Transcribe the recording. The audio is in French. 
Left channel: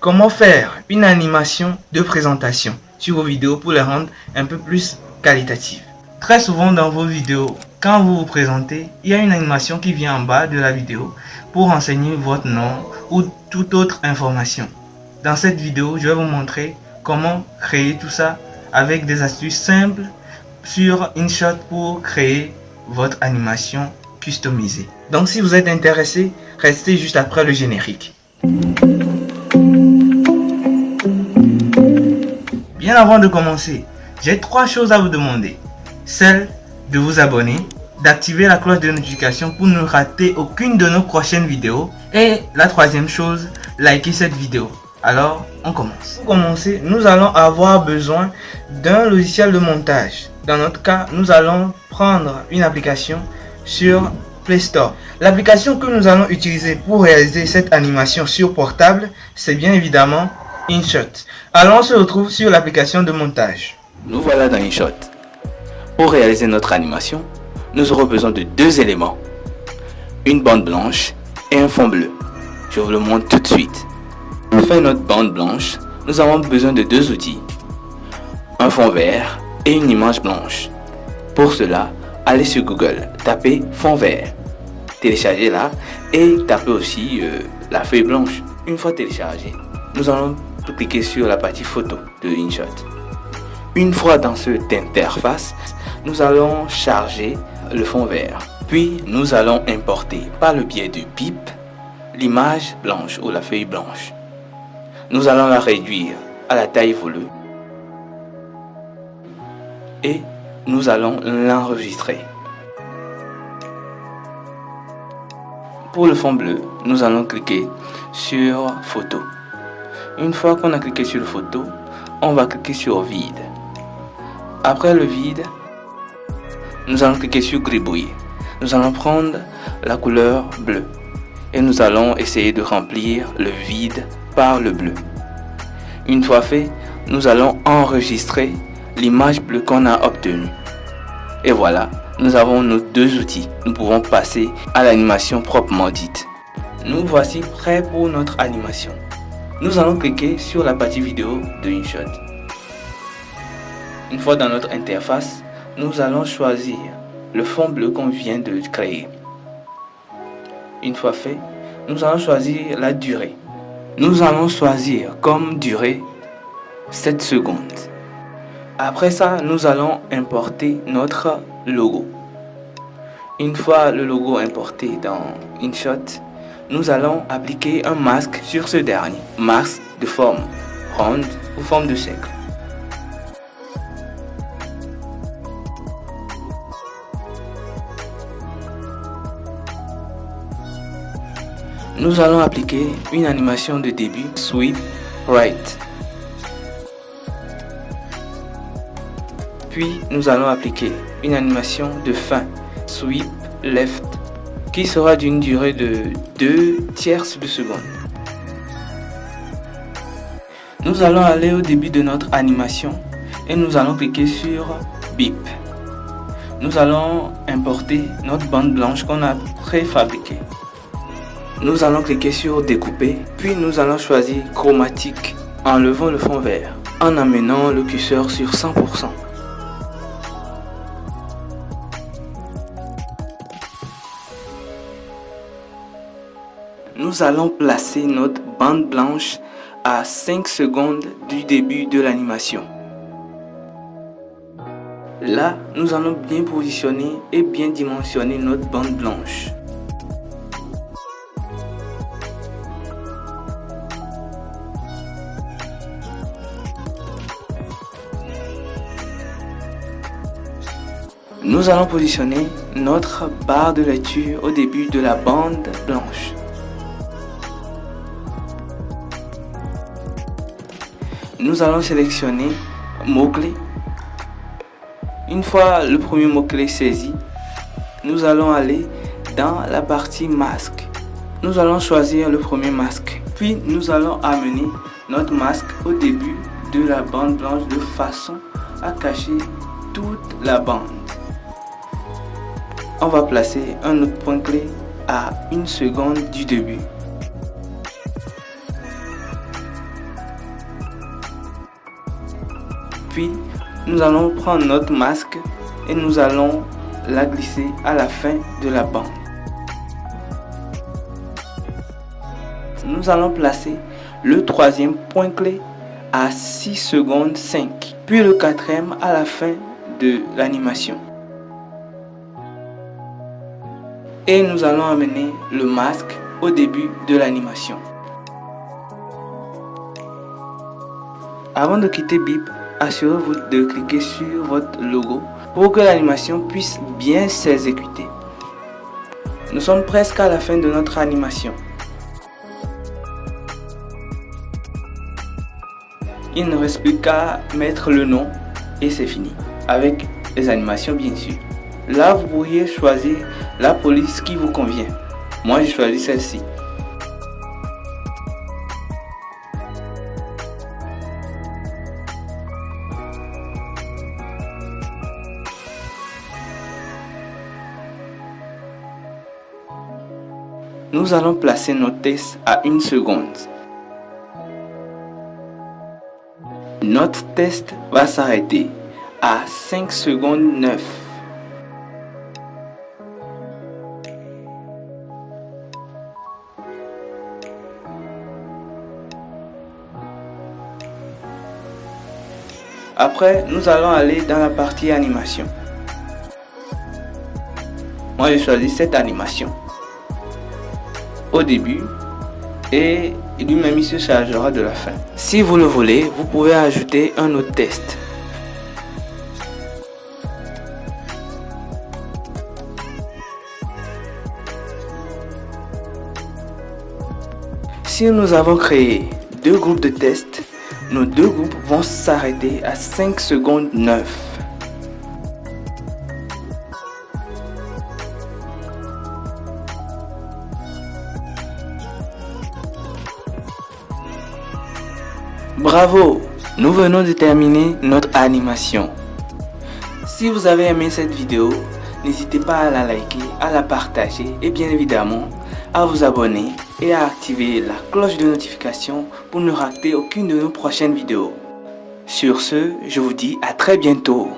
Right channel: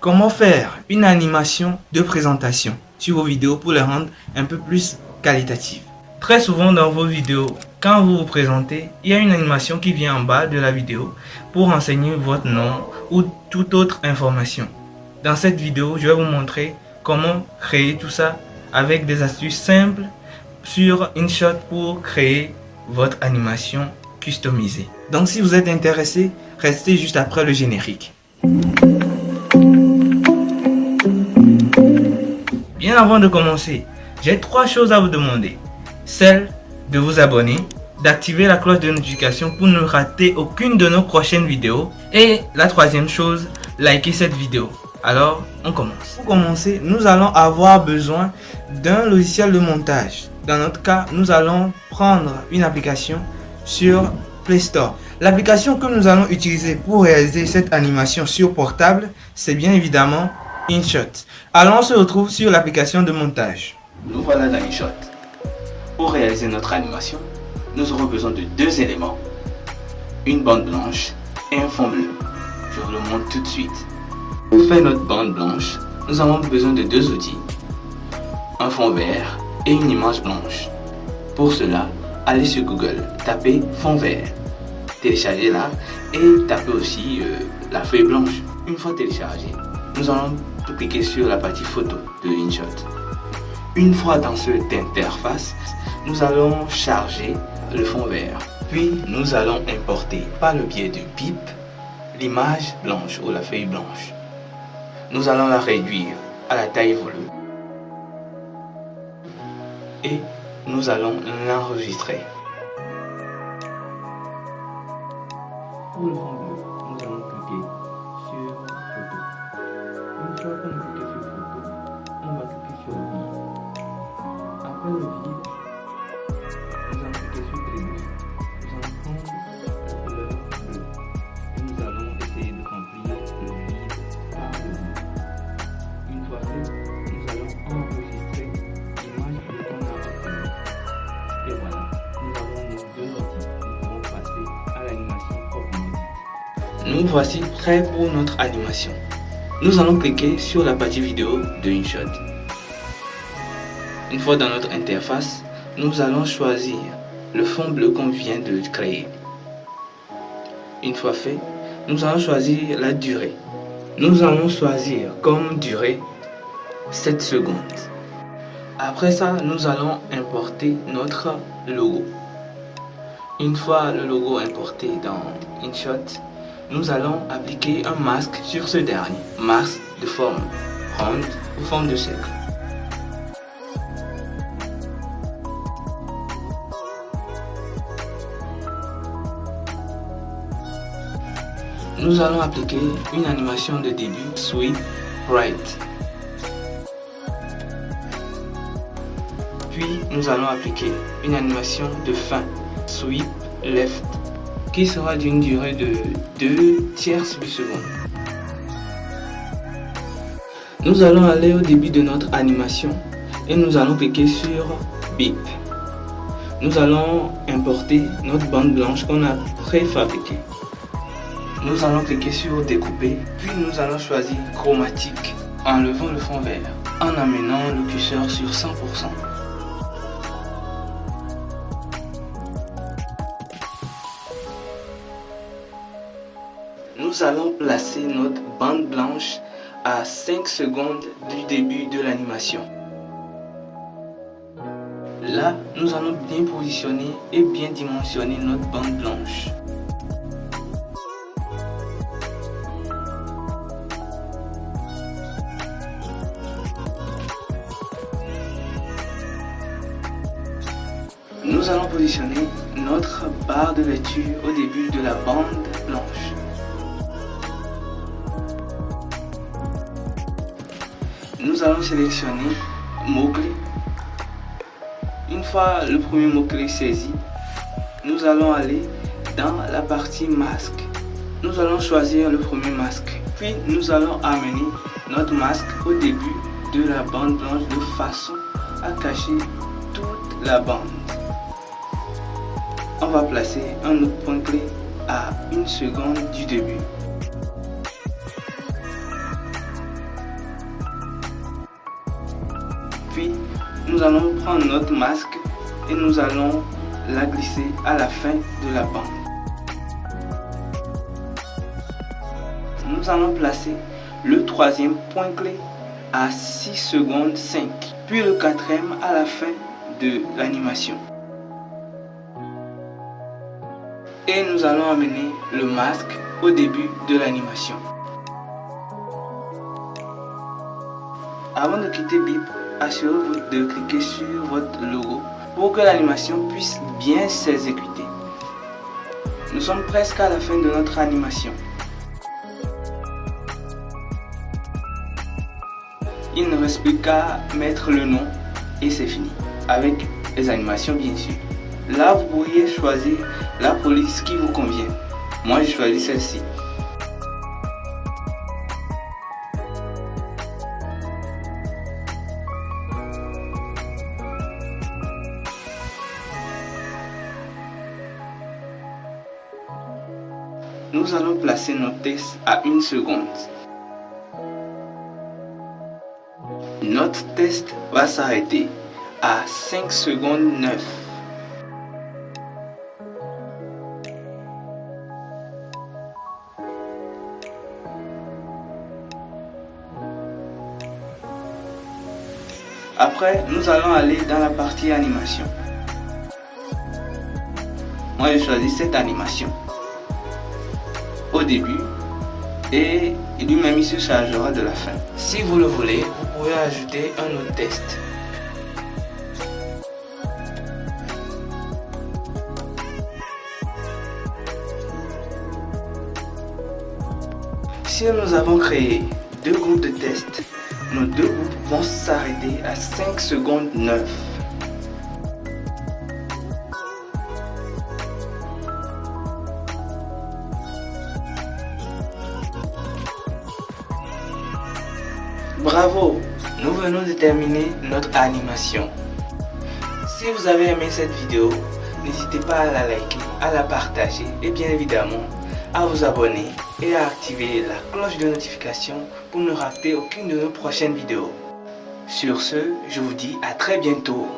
Comment faire une animation de présentation sur vos vidéos pour les rendre un peu plus qualitatives? Très souvent dans vos vidéos, quand vous vous présentez, il y a une animation qui vient en bas de la vidéo pour renseigner votre nom ou toute autre information. Dans cette vidéo, je vais vous montrer comment créer tout ça avec des astuces simples sur InShot pour créer votre animation customisée. Donc si vous êtes intéressé, restez juste après le générique. Bien avant de commencer, j'ai 3 choses à vous demander. Celle de vous abonner, d'activer la cloche de notification pour ne rater aucune de nos prochaines vidéos. Et la 3e chose, liker cette vidéo. Alors, on commence. Pour commencer, nous allons avoir besoin d'un logiciel de montage. Dans notre cas, nous allons prendre une application sur Play Store. L'application que nous allons utiliser pour réaliser cette animation sur portable, c'est bien évidemment InShot. Alors, on se retrouve sur l'application de montage. Nous voilà dans InShot. Pour réaliser notre animation, nous aurons besoin de 2 éléments. Une bande blanche et un fond bleu. Je vous le montre tout de suite. Pour faire notre bande blanche, nous avons besoin de 2 outils. Un fond vert et une image blanche. Pour cela, allez sur Google, tapez fond vert. Téléchargez-la et tapez aussi la feuille blanche. Une fois téléchargée, nous allons cliquer sur la partie photo de InShot. Une fois dans cette interface, nous allons charger le fond vert. Puis nous allons importer par le biais du bip l'image blanche ou la feuille blanche. Nous allons la réduire à la taille voulue et nous allons l'enregistrer. Pour le fond bleu, nous allons cliquer sur photo. Une fois qu'on a cliqué sur photo, on va cliquer sur vide. Après le vide, nous allons cliquer sur gribouille. Nous allons prendre la couleur bleue et nous allons essayer de remplir le vide par le bleu. Une fois fait, nous allons enregistrer l'image bleue qu'on a obtenue. Et voilà, nous avons nos 2 outils. Nous pouvons passer à l'animation proprement dite. Nous voici prêts pour notre animation. Nous allons cliquer sur la partie vidéo de InShot. Une fois dans notre interface, nous allons choisir le fond bleu qu'on vient de créer. Une fois fait, nous allons choisir la durée. Nous allons choisir comme durée 7 secondes. Après ça, nous allons importer notre logo. Une fois le logo importé dans InShot, nous allons appliquer un masque sur ce dernier. Masque de forme ronde ou forme de cercle. Nous allons appliquer une animation de début, sweep, right. Puis nous allons appliquer une animation de fin, sweep, left, qui sera d'une durée de 2/3 de seconde. Nous allons aller au début de notre animation et nous allons cliquer sur bip. Nous allons importer notre bande blanche qu'on a préfabriquée. Nous allons cliquer sur découper, puis nous allons choisir chromatique en levant le fond vert, en amenant le curseur sur 100%. Nous allons placer notre bande blanche à 5 secondes du début de l'animation. Là, nous allons bien positionner et bien dimensionner notre bande blanche. Nous allons positionner notre barre de lecture au début de la bande blanche. Nous allons sélectionner mots-clés. Une fois le premier mot-clé saisi, nous allons aller dans la partie masque. Nous allons choisir le premier masque. Puis nous allons amener notre masque au début de la bande blanche de façon à cacher toute la bande. On va placer un autre point clé à 1 seconde du début. Puis nous allons prendre notre masque et nous allons la glisser à la fin de la bande. Nous allons placer le troisième point clé à 6 secondes 5, puis le quatrième à la fin de l'animation. Et nous allons amener le masque au début de l'animation. Avant de quitter Bip, assurez-vous de cliquer sur votre logo pour que l'animation puisse bien s'exécuter. Nous sommes presque à la fin de notre animation. Il ne reste plus qu'à mettre le nom et c'est fini. Avec les animations bien sûr. Là vous pourriez choisir la police qui vous convient. Moi j'ai choisi celle-ci. Nous allons placer nos tests à 1 seconde. Notre test va s'arrêter à 5 secondes 9. Après, nous allons aller dans la partie animation. Moi, j'ai choisi cette animation au début et lui-même il se chargera de la fin. Si vous le voulez, vous pouvez ajouter un autre test. Si nous avons créé 2 groupes de tests, nos 2 groupes vont s'arrêter à 5 secondes 9. Bravo! Nous venons de terminer notre animation. Si vous avez aimé cette vidéo, n'hésitez pas à la liker, à la partager et bien évidemment à vous abonner et à activer la cloche de notification pour ne rater aucune de nos prochaines vidéos. Sur ce, je vous dis à très bientôt.